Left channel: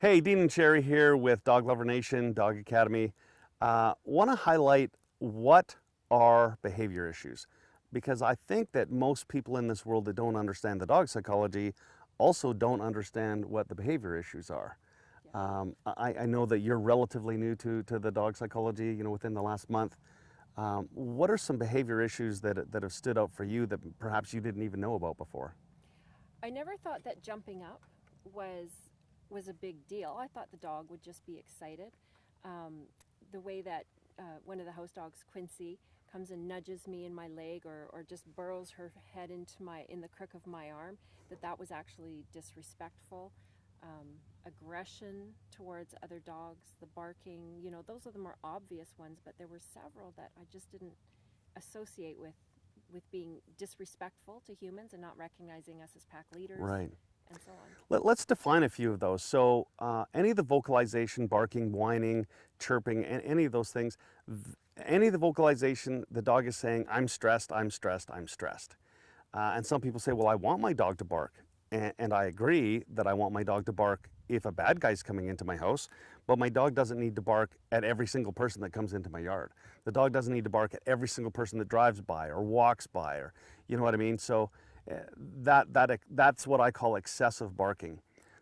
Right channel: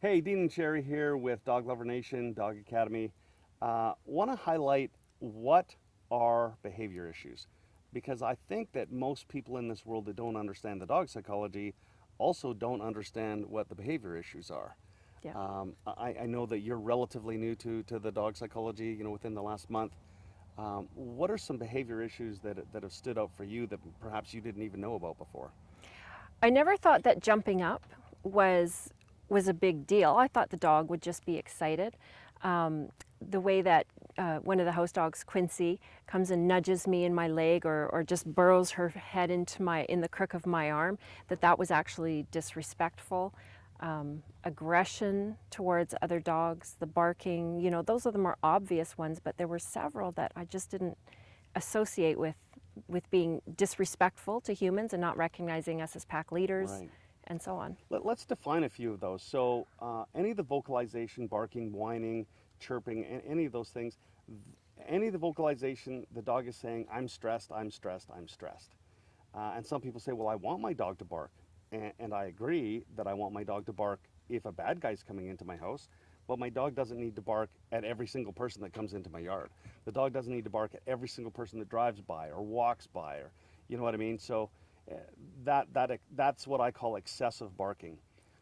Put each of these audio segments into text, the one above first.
Hey, Dean and Sherry here with Dog Lover Nation, Dog Academy. Want to highlight what are behavior issues, because I think that most people in this world that don't understand the dog psychology also don't understand what the behavior issues are. Yeah. I know that you're relatively new to the dog psychology, within the last month. What are some behavior issues that have stood out for you that perhaps you didn't even know about before? I never thought that jumping up was was a big deal. I thought the dog would just be excited. Um, the way that one of the house dogs, Quincy, comes and nudges me in my leg or just burrows her head in the crook of my arm, that was actually disrespectful. Aggression towards other dogs, the barking, those are the more obvious ones, but there were several that I just didn't associate with being disrespectful to humans and not recognizing us as pack leaders Right. and so on. Let's define a few of those. So, any of the vocalization, barking, whining, chirping, and any of those things, any of the vocalization, the dog is saying, I'm stressed, I'm stressed, I'm stressed. And some people say, well, I want my dog to bark. And I agree that I want my dog to bark if a bad guy's coming into my house, but my dog doesn't need to bark at every single person that comes into my yard. The dog doesn't need to bark at every single person that drives by or walks by, or you know what I mean? So uh, that's what I call excessive barking.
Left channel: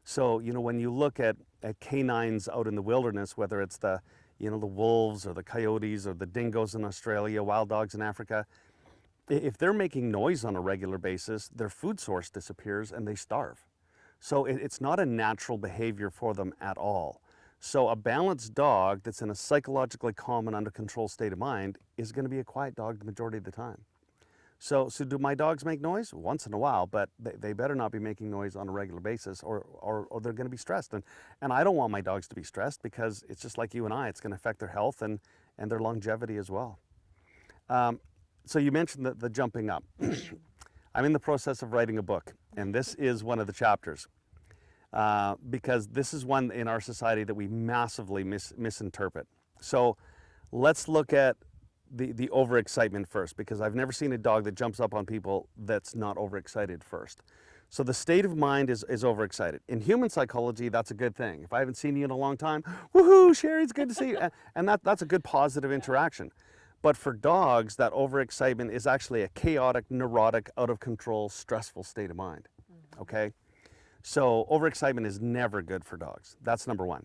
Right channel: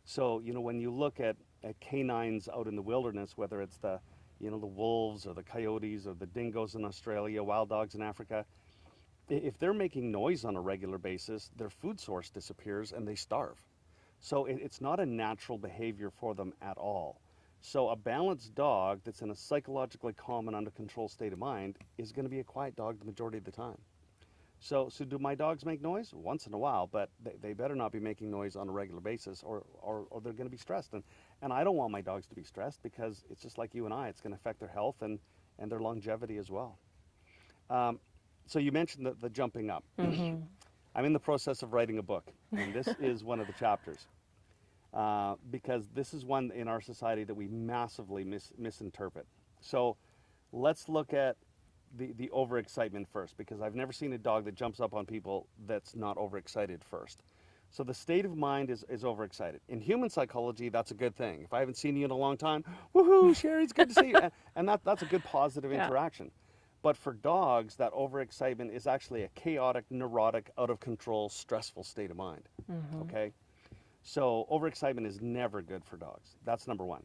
So, when you look at canines out in the wilderness, whether it's the wolves or the coyotes or the dingoes in Australia, wild dogs in Africa, if they're making noise on a regular basis, their food source disappears and they starve. So it's not a natural behavior for them at all. So a balanced dog that's in a psychologically calm and under control state of mind is going to be a quiet dog the majority of the time. So do my dogs make noise? Once in a while, but they better not be making noise on a regular basis, or they're going to be stressed. And I don't want my dogs to be stressed, because it's just like you and I, it's going to affect their health and their longevity as well. Um, so you mentioned the jumping up. Mm-hmm. I'm in the process of writing a book, and this is one of the chapters, because this is one in our society that we massively misinterpret. So let's look at the overexcitement first, because I've never seen a dog that jumps up on people that's not overexcited first. So the state of mind is overexcited. In human psychology, that's a good thing. If I haven't seen you in a long time, woohoo, Sherry, it's good to see you. And that's a good positive Yeah. interaction. But for dogs, that overexcitement is actually a chaotic, neurotic, out of control, stressful state of mind. Mm-hmm. Okay? So overexcitement is never good for dogs. That's number one.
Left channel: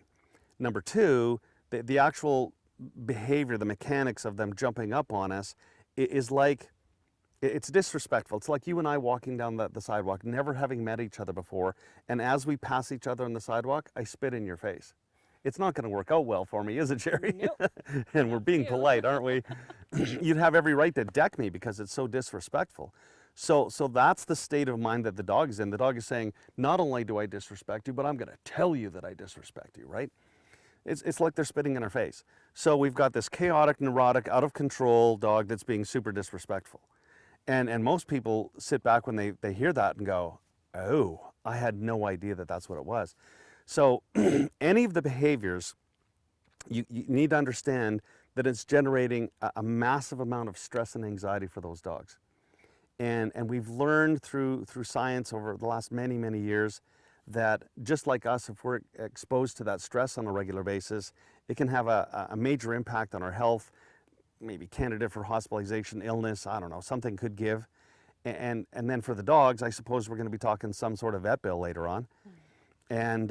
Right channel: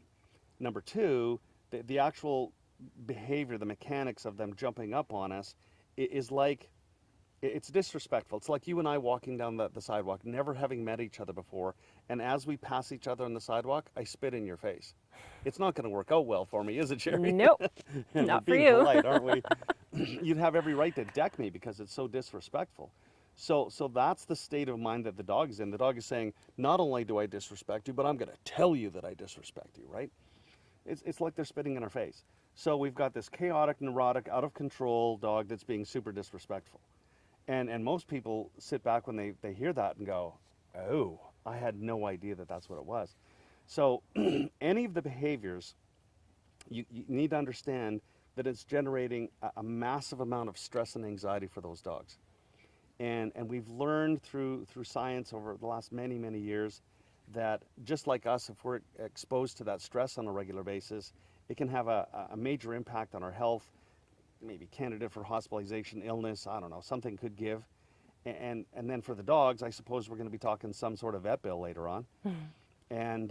Number two, the actual behavior, the mechanics of them jumping up on us is like, it's disrespectful. It's like you and I walking down the sidewalk, never having met each other before, and as we pass each other on the sidewalk, I spit in your face. It's not going to work out well for me, is it, Sherry? Nope, And we're not for being you. polite, aren't we? You'd have every right to deck me because it's so disrespectful. So that's the state of mind that the dog is in. The dog is saying, not only do I disrespect you, but I'm going to tell you that I disrespect you, right? It's like they're spitting in our face. So we've got this chaotic, neurotic, out of control dog that's being super disrespectful. And most people sit back when they hear that and go, oh, I had no idea that that's what it was. So any of the behaviors, you need to understand that it's generating a massive amount of stress and anxiety for those dogs. And we've learned through science over the last many, many years that just like us, if we're exposed to that stress on a regular basis, it can have a major impact on our health, maybe candidate for hospitalization, illness, I don't know, something could give. And then for the dogs, I suppose we're going to be talking some sort of vet bill later on. And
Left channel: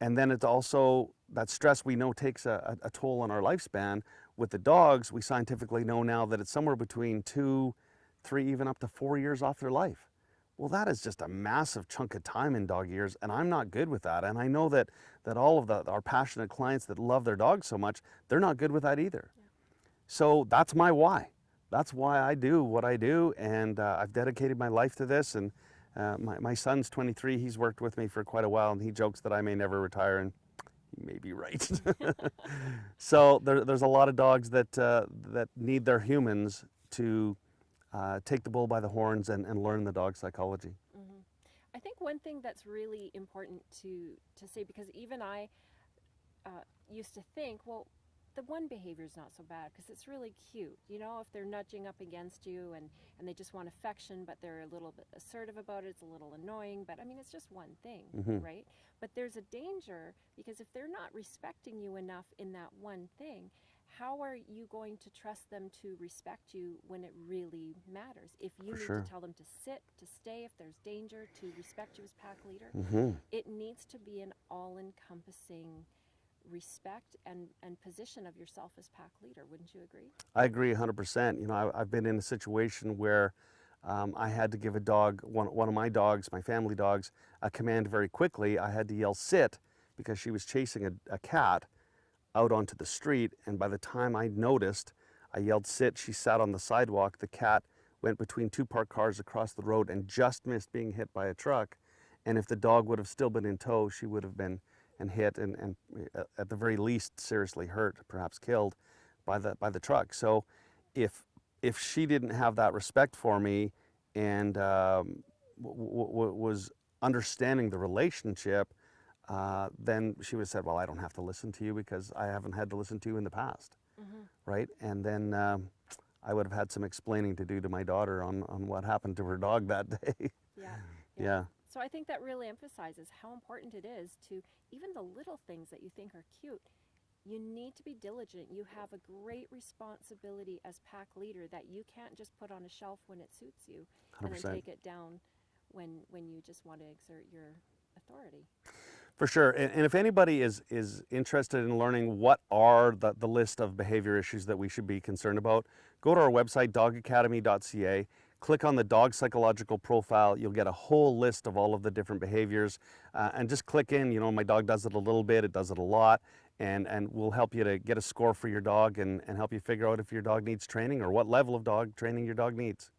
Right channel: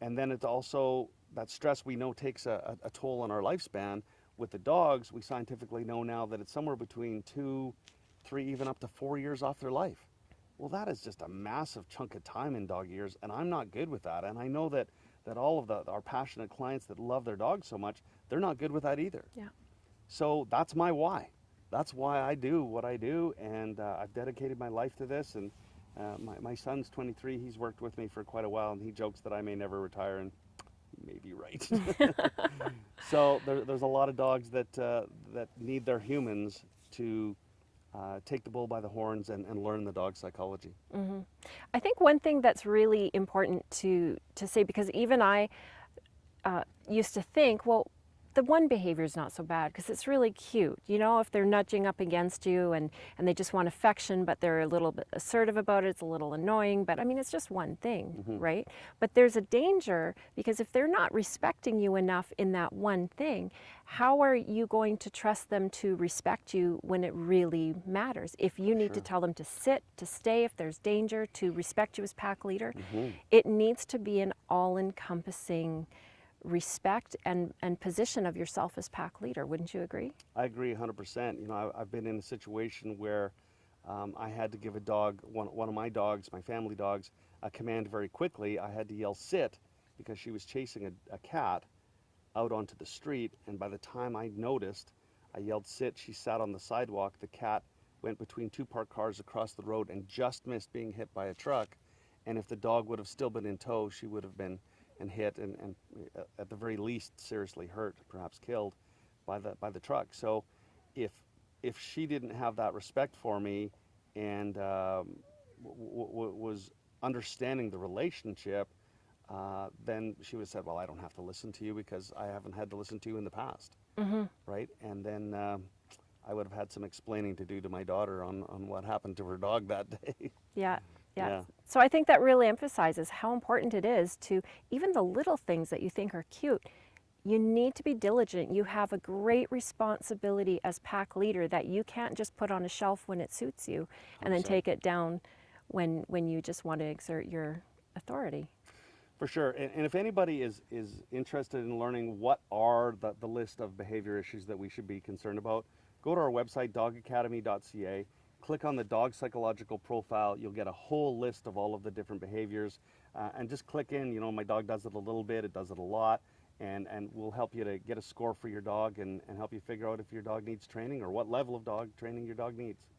and then it's also that stress we know takes a toll on our lifespan. With the dogs, we scientifically know now that it's somewhere between 2, 3, even up to 4 years off their life. Well, that is just a massive chunk of time in dog years, and I'm not good with that. And I know that all of our passionate clients that love their dogs so much, they're not good with that either. Yeah. So that's my why. That's why I do what I do, and I've dedicated my life to this. And my son's 23. He's worked with me for quite a while, and he jokes that I may never retire, and he may be right. So there's a lot of dogs that need their humans to take the bull by the horns and learn the dog psychology. Mm-hmm. I think one thing that's really important to say, because even I used to think, well, the one behavior is not so bad because it's really cute. You know, if they're nudging up against you and they just want affection, but they're a little bit assertive about it, it's a little annoying. But I mean, it's just one thing, right? But there's a danger because if they're not respecting you enough in that one thing, how are you going to trust them to respect you when it really matters? If you need to tell them to sit, to stay, if there's danger, to respect you as pack leader, it needs to be an all-encompassing respect and position of yourself as pack leader. Wouldn't you agree? I agree 100%. You know, I've been in a situation where I had to give a dog, one of my dogs, my family dogs, a command very quickly. I had to yell sit because she was chasing a cat out onto the street, and by the time I noticed, I yelled sit, she sat on the sidewalk, the cat went between two parked cars across the road and just missed being hit by a truck, and if the dog would have still been in tow, she would have been hit and at the very least seriously hurt, perhaps killed by the truck. So if she didn't have that respect for me and was understanding the relationship, then she would have said, well, I don't have to listen to you because I haven't had to listen to you in the past, right? And then I would have had some explaining to do to my daughter on what happened to her dog that day. Yeah. Yeah. Yeah. So I think that really emphasizes how important it is to even the little things that you think are cute. You need to be diligent. You have a great responsibility as pack leader that you can't just put on a shelf when it suits you and then 100%. take it down when you just want to exert your authority. For sure. And if anybody is interested in learning what are the list of behavior issues that we should be concerned about, go to our website, dogacademy.ca. Click on the dog psychological profile. You'll get a whole list of all of the different behaviors. And just click in, you know, my dog does it a little bit, it does it a lot. And we'll help you to get a score for your dog and help you figure out if your dog needs training or what level of dog training your dog needs.